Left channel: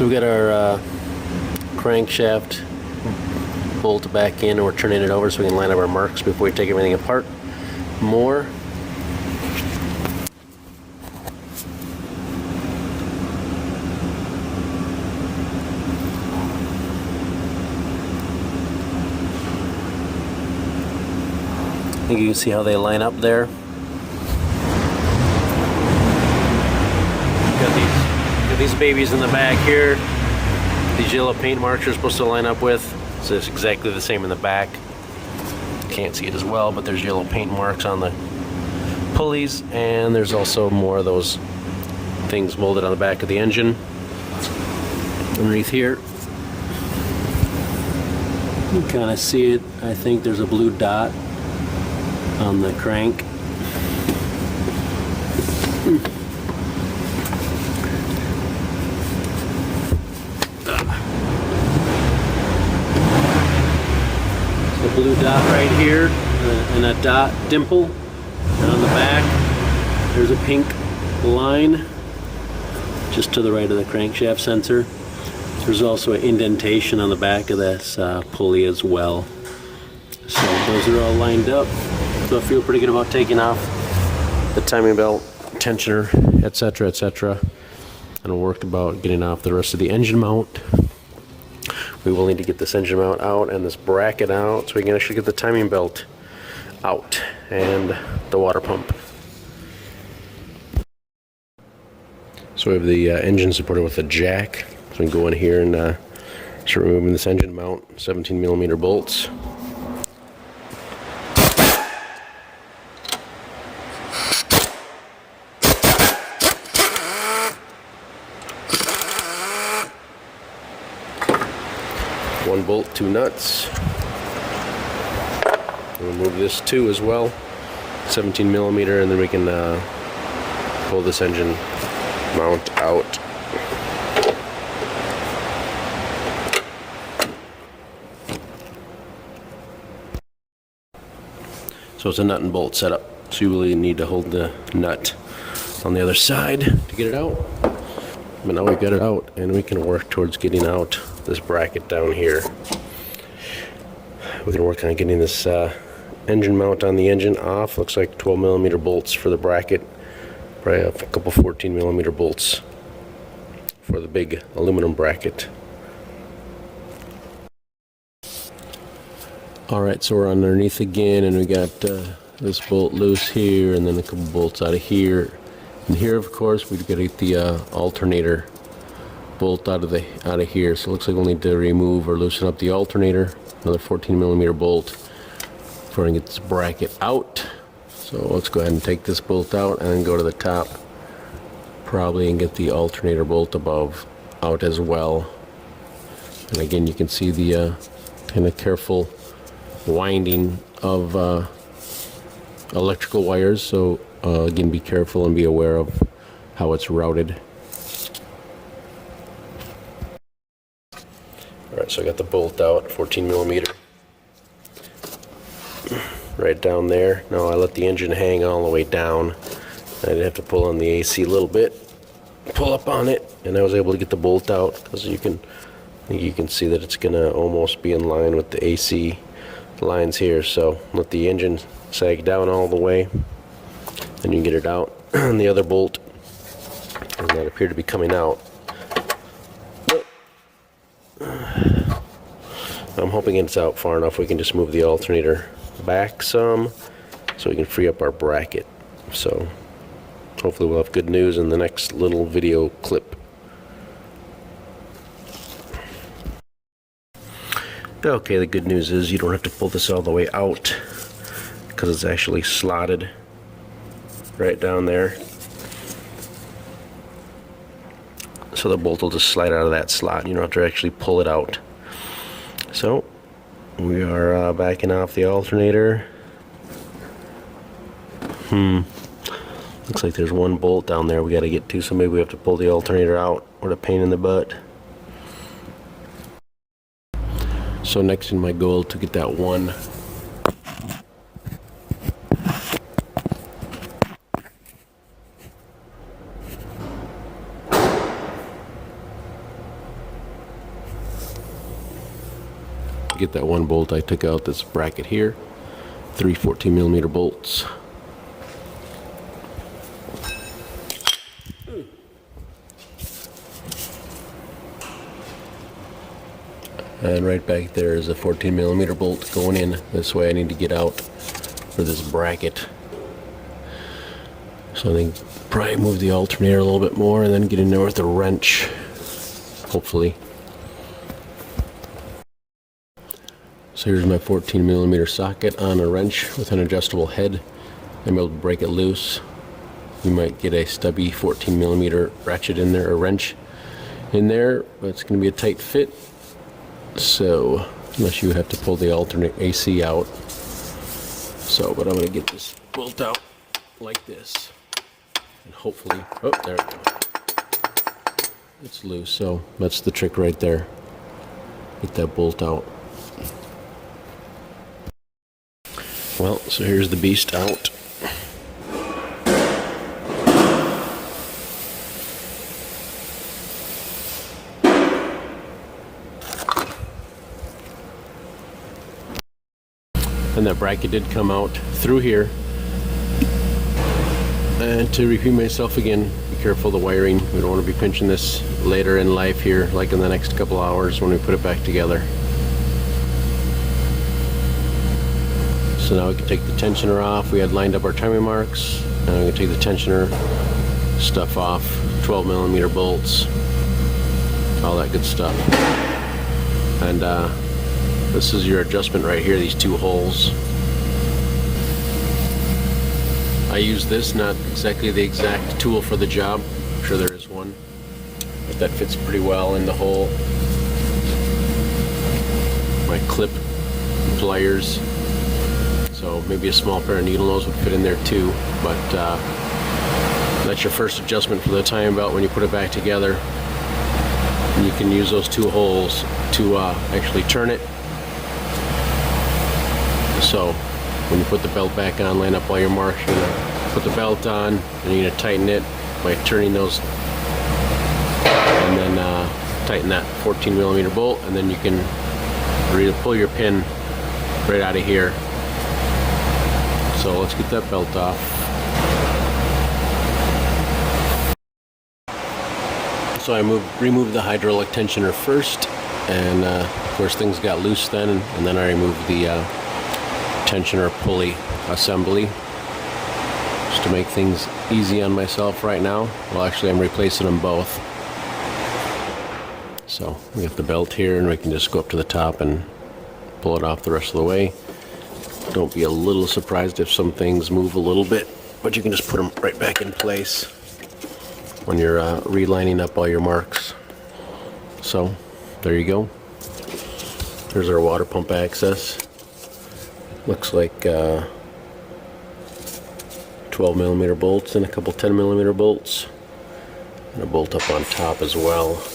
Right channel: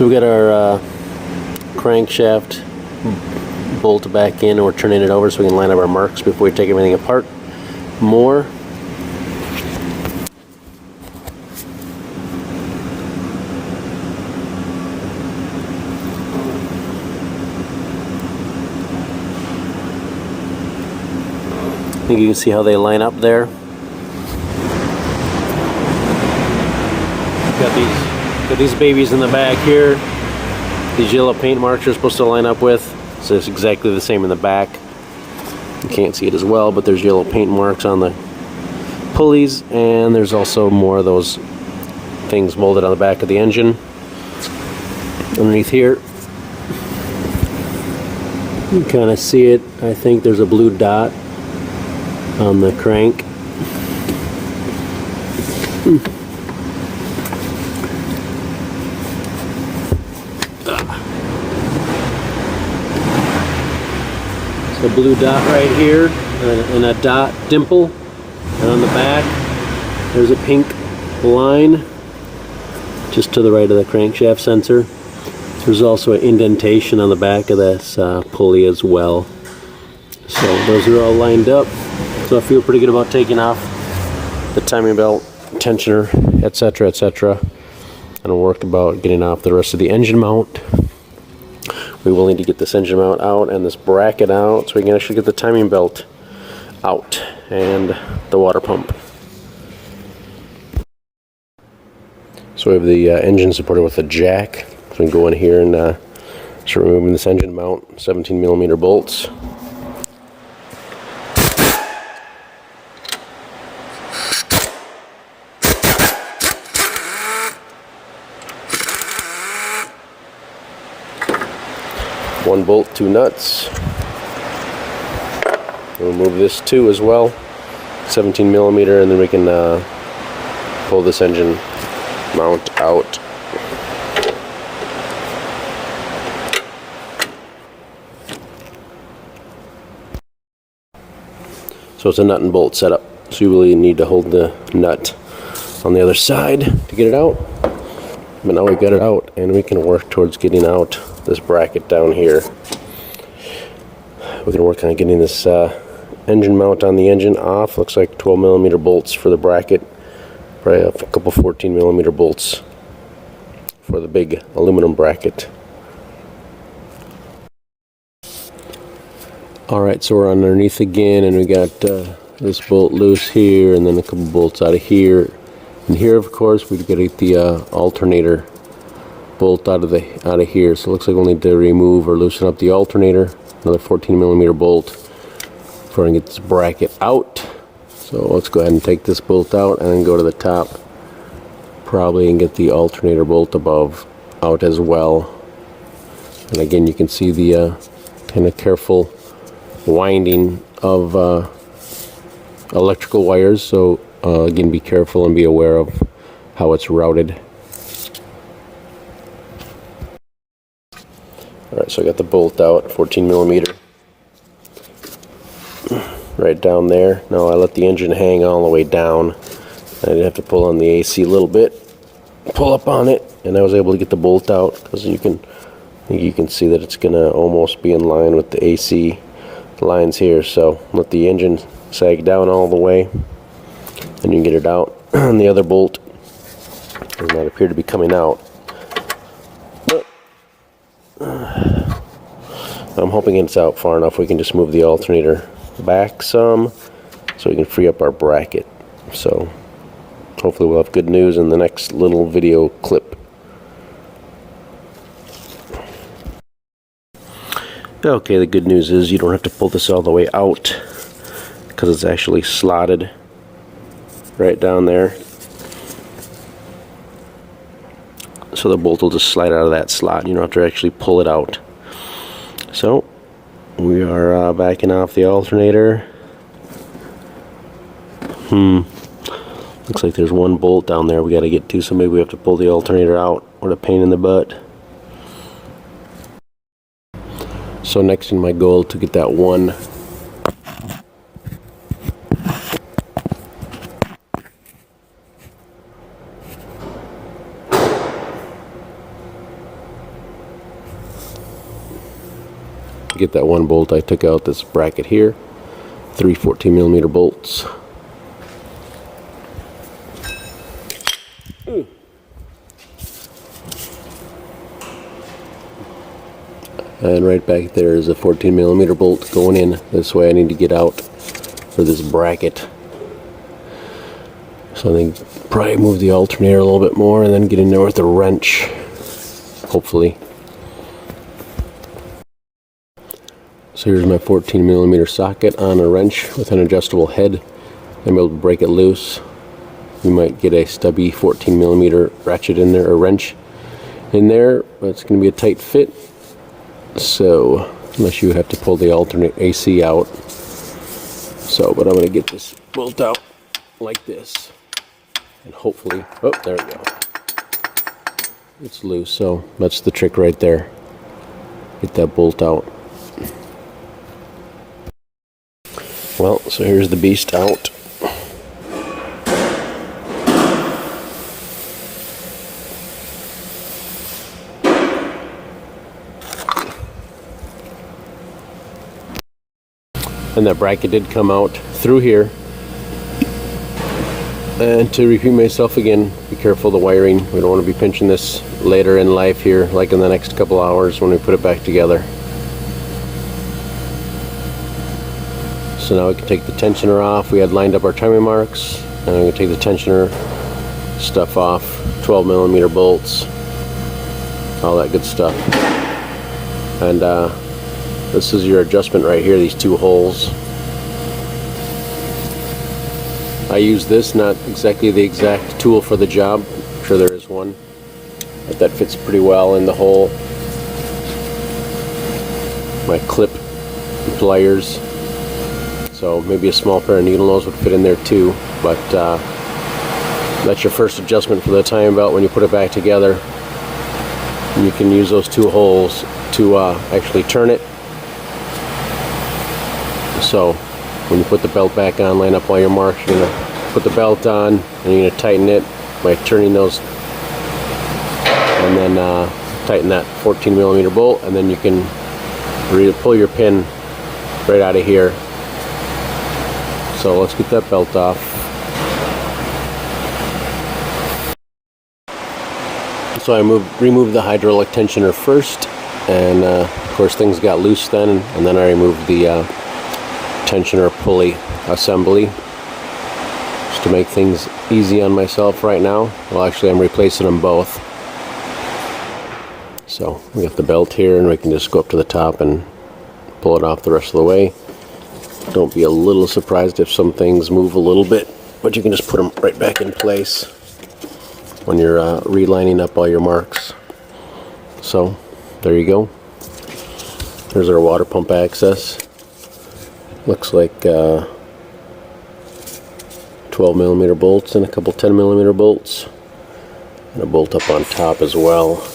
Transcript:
So we got our crankshaft bolt back in, and we're turning it over so we can line up our marks before we take everything apart more. You can see how they line up there. Got these babies in the back here. These yellow paint marks are supposed to line up with. So it's exactly the same in the back. You can't see it as well, but there's yellow paint marks on the pulleys, and there's also more of those things molded on the back of the engine. Underneath here, you can kind of see it. I think there's a blue dot on the crank. A blue dot right here, and a dot dimple, and on the back there's a pink line just to the right of the crankshaft sensor. There's also an indentation on the back of this pulley as well. So those are all lined up, so I feel pretty good about taking off the timing belt, tensioner, etc., etc. And I'll work about getting off the rest of the engine mount. We will need to get this engine mount out and this bracket out so we can actually get the timing belt out and the water pump. So we have the engine supported with a jack. So we can go in here and start removing this engine mount, 17mm bolts. One bolt, two nuts. We'll remove this too as well, 17mm, and then we can pull this engine mount out. So it's a nut and bolt setup, so you really need to hold the nut on the other side to get it out. But now we've got it out, and we can work towards getting out this bracket down here. We're going to work on getting this engine mount on the engine off. Looks like 12mm bolts for the bracket, probably a couple 14mm bolts for the big aluminum bracket. Alright, so we're underneath again, and we got this bolt loose here, and then a couple bolts out of here. And here, of course, we've got to get the alternator bolt out of here. So it looks like we'll need to remove or loosen up the alternator. Another 14mm bolt before I get this bracket out. So let's go ahead and take this bolt out and then go to the top, probably, and get the alternator bolt above out as well. And again, you can see the kind of careful winding of electrical wires. So again, be careful and be aware of how it's routed. Alright, so I got the bolt out, 14mm, right down there. Now I let the engine hang all the way down. I didn't have to pull on the AC a little bit, pull up on it, and I was able to get the bolt out, because you can see that it's going to almost be in line with the AC lines here. So let the engine sag down all the way, and you can get it out. And the other bolt does not appear to be coming out. I'm hoping it's out far enough we can just move the alternator back some so we can free up our bracket. So hopefully we'll have good news in the next little video clip. Okay, the good news is you don't have to pull this all the way out, because it's actually slotted right down there. So the bolt will just slide out of that slot. You don't have to actually pull it out. So we are backing off the alternator. Looks like there's one bolt down there we got to get to, so maybe we have to pull the alternator out. What a pain in the butt. So next in my goal to get that one get that one bolt I took out, this bracket here. 3 14mm bolts. And right back there is a 14mm bolt going in. This way I need to get out for this bracket. So I think probably move the alternator a little bit more and then get in there with a wrench, hopefully. So here's my 14mm socket on a wrench with an adjustable head. I'm able to break it loose. You might get a stubby 14mm ratchet in there, or wrench in there, but it's going to be a tight fit. So, unless you would have to pull the alternate AC out. So, but I'm going to get this bolt out like this. And hopefully, oh, there we go. It's loose, so that's the trick right there. Get that bolt out. Well, so here's the beast out. And that bracket did come out through here. And to repeat myself again, be careful of the wiring. We don't want to be pinching this later in life here, like in the next couple hours when we put it back together. So now we can take the tensioner off. We had lined up our timing marks. And I'm going to take the tensioner stuff off. 12mm bolts. All that good stuff. And this is your adjustment right here, these two holes. I use this, not exactly the exact tool for the job. I'm sure there is one. But that fits pretty well in the hole. My clip pliers. So maybe a small pair of needle nose would fit in there too. But that's your first adjustment for the timing belt when you put it back together. And you can use those two holes to actually turn it. So when you put the belt back on, line up all your marks, you're going to put the belt on and you're going to tighten it by turning those, and then tighten that 14mm bolt, and then you can pull your pin right out of here. So let's get that belt off. So I removed the hydraulic tensioner first, and of course things got loose then, and then I removed the tensioner pulley assembly just to make things easy on myself right now. Well, actually I'm replacing them both. So we got the belt here, and we can just go up to the top and pull it off the rest of the way. Don't be a little surprised if some things move a little bit, but you can just put them right back in place when you're relining up all your marks. So there you go. There's our water pump access. Looks like 12mm bolts and a couple 10mm bolts, and a bolt up on top as well.